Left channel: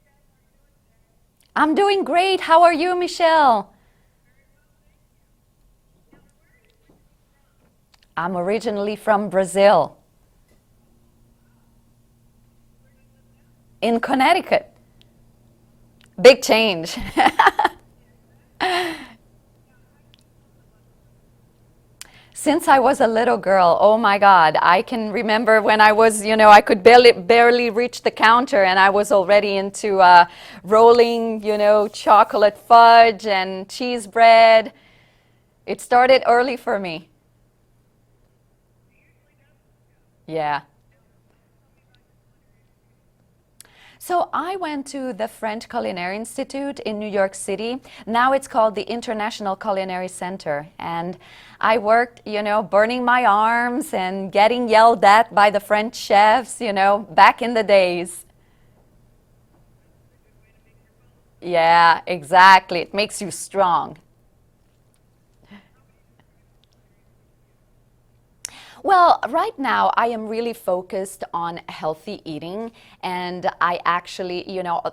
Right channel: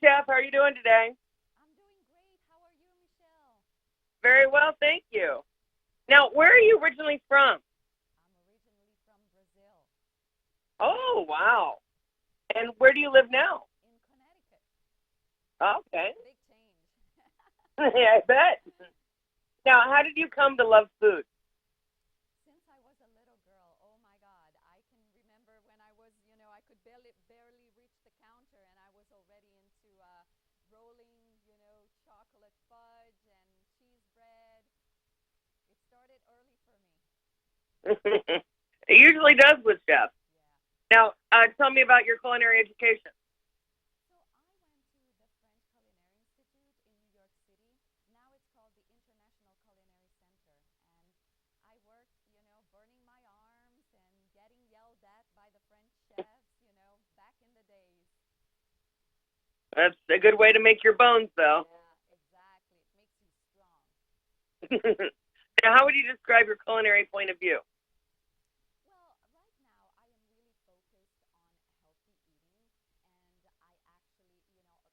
Hey, Chef. How are you doing today? I'm doing great. How are you, Michelle? Very well, thank you. Now, where are you originally from? I'm originally from Brazil, Oh, wow. And where do you live now? in Connecticut. Oh, okay. Big change. Yeah, I bet. Now, how did you come to love food? Since I was a little girl, oh my God, I can remember when I was, I could barely reach the counter and I was already into rolling, chocolate fudge and cheese bread. It started early for me. It usually does with chefs. Yeah. Now, tell me about your culinary education. So I went to the French Culinary Institute in New York City. Now it's called the International Culinary Center. And I worked, burning my arms and getting yelled at by the French chefs, back in the days. That's a good way to make your bones, though. Yeah, exactly. It makes you strong. Now, how would you describe your culinary point of view? Well, right now I am really focused on healthy eating, and I actually,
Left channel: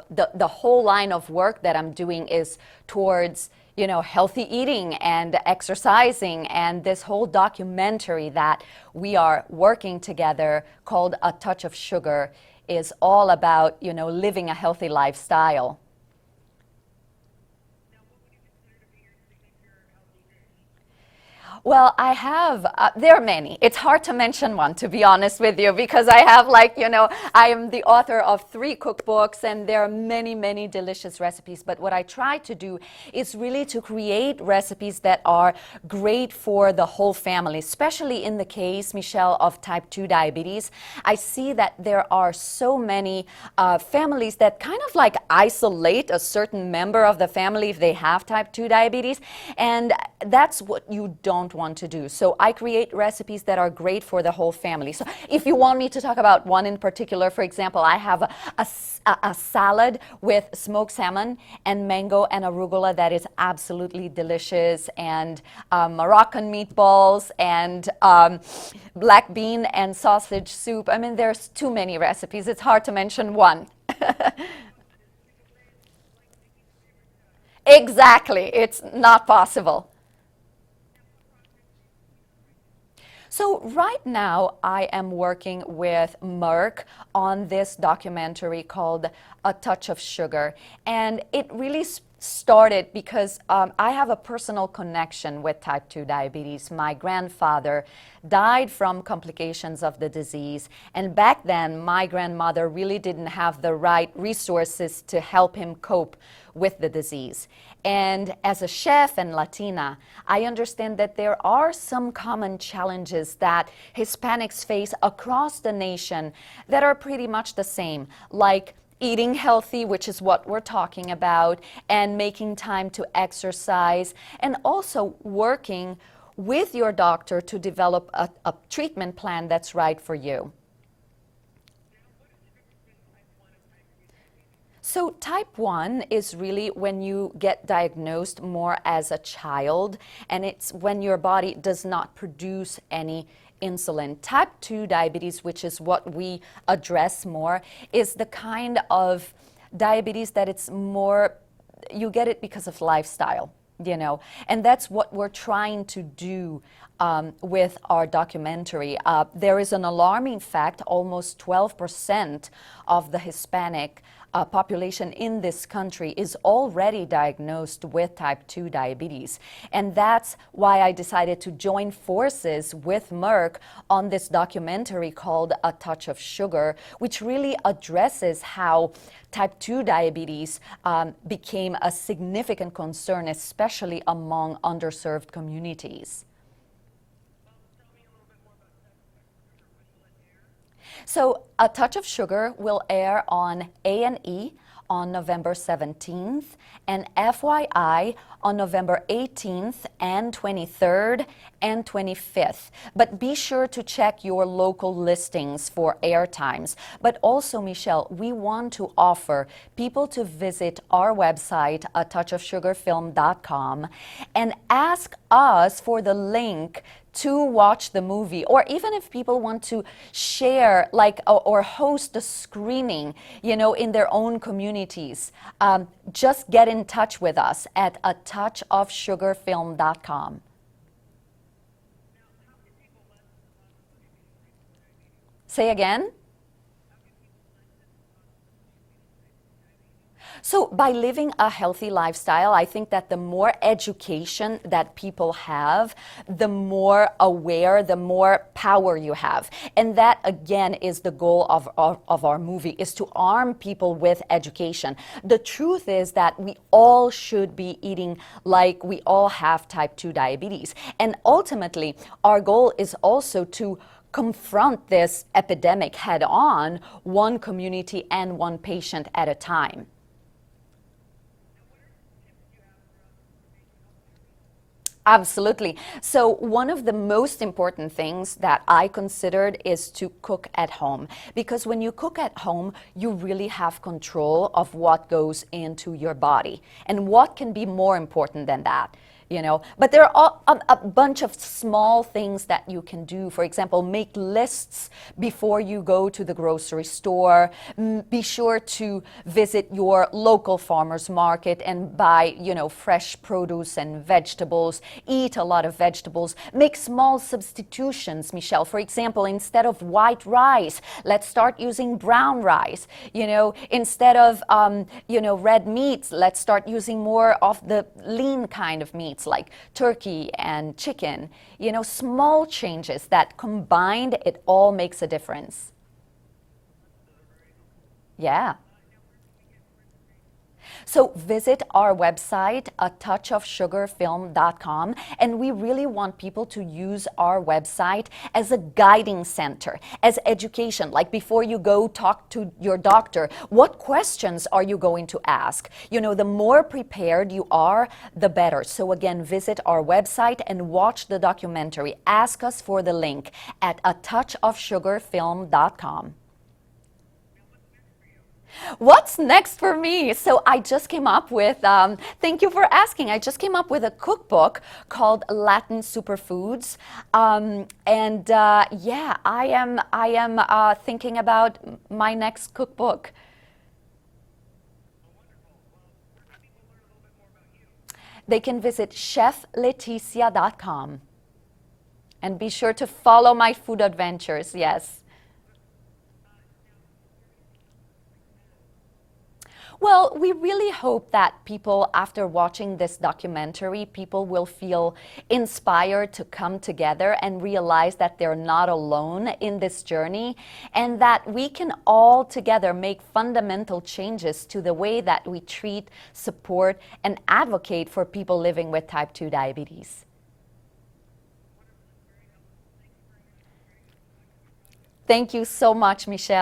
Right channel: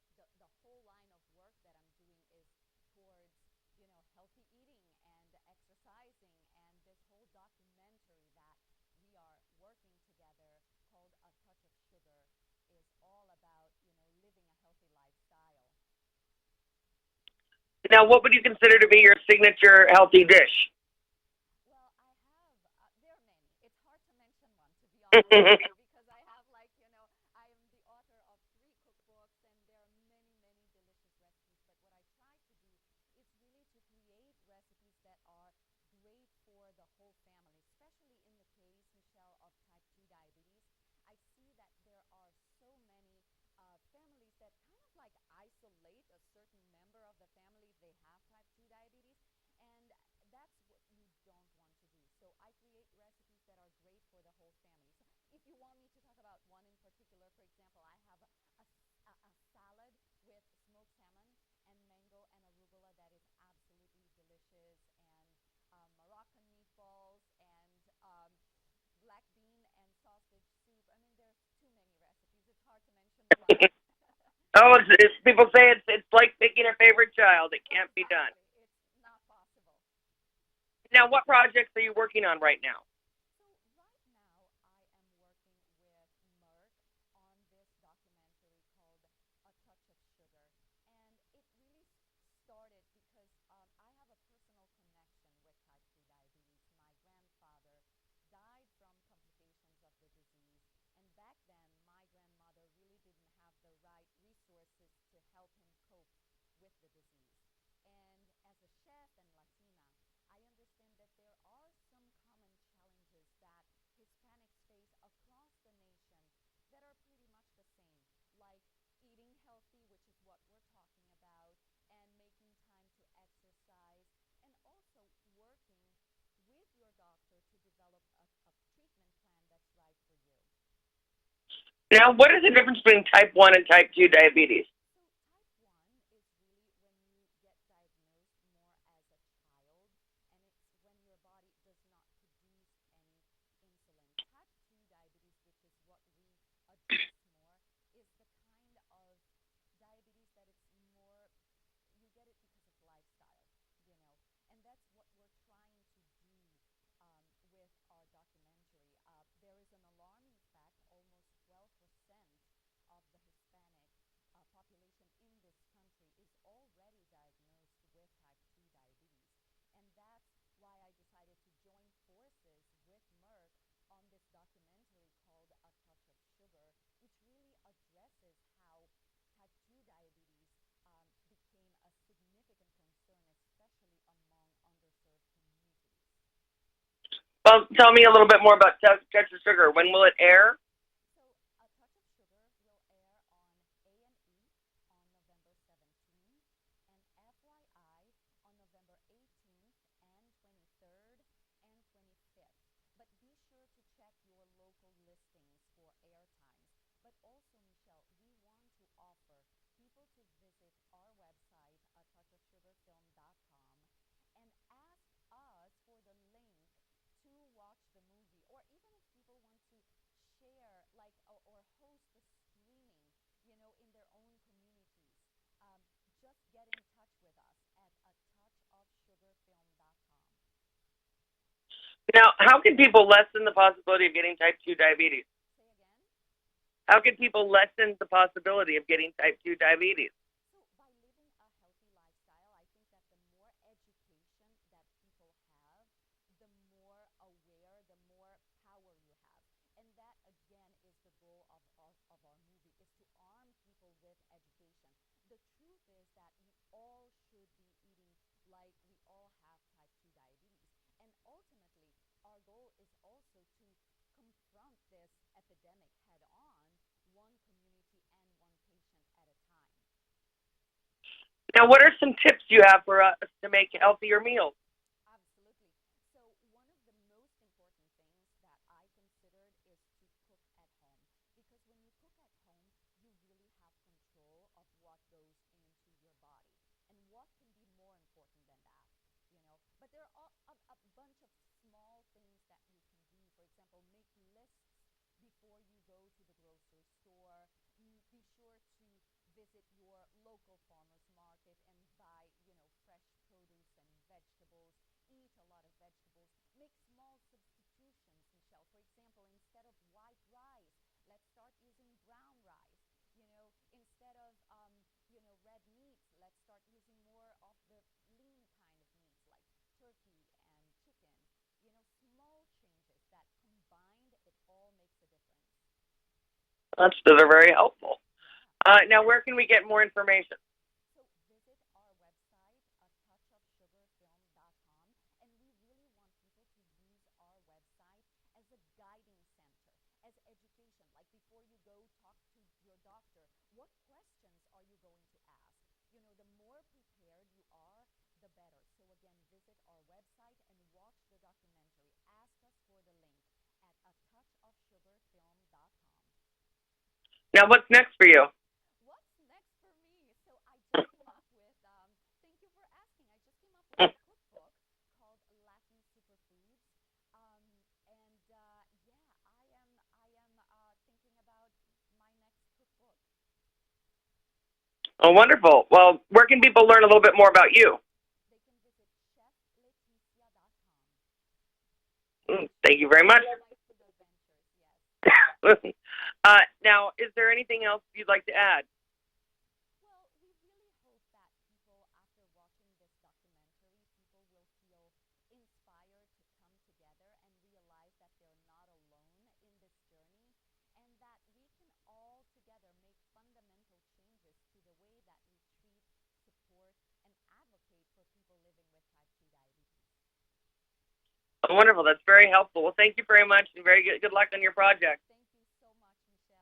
the whole line of work that I'm doing is towards, healthy eating and exercising, and this whole documentary that we are working together called A Touch of Sugar is all about, living a healthy lifestyle. Now, what would you consider to be your signature healthy dish? Well, I have, there are many. It's hard to mention one, to be honest with you, because I have I am the author of 3 cookbooks and there are many, many delicious recipes. But what I try to do is really to create recipes that are great for the whole family, especially in the case, Michelle, of type 2 diabetes. I see that there are so many families that kind of like isolate a certain member of the family if they have type 2 diabetes. And that's what you don't want to do. So I create recipes that are great for the whole family. So if you want me to talk about one in particular, for example, I have a salad with smoked salmon and mango and arugula that is absolutely delicious, and Moroccan meatballs and black bean and sausage soup. I mean, there's too many recipes. It's hard to mention one. Oh, people say it's like picking a favorite child. It can't be done. Exactly. It's not possible. Now, what projects are you working on right now? So right now I am working with Merck on this documentary called A Touch of Sugar. And it really started because I have a personal connection with type 2 diabetes. My grandfather died from complications of the disease. And back then, my grandmother really didn't have the right resources to help him cope with the disease. And as a chef and Latina, I understand that there are some common challenges that Hispanics face across the nation that are pretty much the same, like eating healthy, which is what we're talking about, and making time to exercise, and also working with your doctor to develop a treatment plan that's right for you. Now, what is the difference between type 1 and type 2 diabetes? So type 1 is really when you get diagnosed more as a child, and it's when your body does not produce any insulin. Type 2 diabetes, which is what we address more, is the kind of diabetes that it's more, you get it because of lifestyle, and that's what we're trying to do with our documentary. There is an alarming fact: almost 12% of the Hispanic population in this country is already diagnosed with type 2 diabetes. And that's why I decided to join forces with Merck on this documentary called A Touch of Sugar, which really addresses how type 2 diabetes became a significant concern, especially among underserved communities. Well, tell me a little bit more about Touch of Sugar. When will it air? So A Touch of Sugar will air on A&E on November 17th and FYI on November 18th and 23rd and 25th. But be sure to check your local listings for air times. But also, Michelle, we want to offer people to visit our website, atouchofsugarfilm.com, and ask us for the link to watch the movie, or even if people want to share like or host a screening, you know, in their own communities, just get in touch with us at atouchofsugarfilm.com. Now, how can people lessen the possibility of getting type 2 diabetes? Say again? How can people lessen the possibility of getting type 2 diabetes? So by living a healthy lifestyle, I think that the more education that people have, the more aware, the more power you have. And that, again, is the goal of our movie, is to arm people with education. The truth is that we all should be eating like we all have type 2 diabetes. And ultimately, our goal is also to confront this epidemic head on, one community and one patient at a time. Now, what are some tips you have for us to make healthier meals? Absolutely. So one of the most important things that I considered is to cook at home, because when you cook at home, you really have control of what goes into your body. And what can be more important than that? You know, but there are a bunch of small things that you can do. For example, make lists before you go to the grocery store. Be sure to visit your local farmer's market and buy, you know, fresh produce and vegetables. Eat a lot of vegetables. Make small substitutions, Michelle. For example, instead of white rice, let's start using brown rice. You know, instead of, you know, red meats, let's start using more of the lean kind of meats, like turkey and chicken. You know, small changes that combined, it all makes a difference. Those are very helpful. Yeah. Now, where can we get more information? So visit our website, atouchofsugarfilm.com, and we really want people to use our website as a guiding center, as education. Like before you go talk to your doctor, what questions are you going to ask? You know, the more prepared you are, the better. So again, visit our website and watch the documentary. Ask us for the link at atouchofsugarfilm.com. Now, what's next for you? What's next for me? So I just came up with, thank you for asking, I just came up with a cookbook called Latin Superfoods. Yeah, I am thinking about my next cookbook. Oh, wonderful. Well, where can people learn a little bit more about you? They can visit chefleticia.com. And be sure to very follow much. my food adventures, yes. Now, is there anything else you'd like to add? Well, we really hope that people, after watching this documentary, people will feel inspired to come together and realize that they're not alone in this journey, and that we can all together make fundamental changes to the way that we treat, support, and advocate for people living with type 2 diabetes. Oh, wonderful. That's very helpful. Well, thank you very much, and very good luck on your project. Thank you so much, Michelle.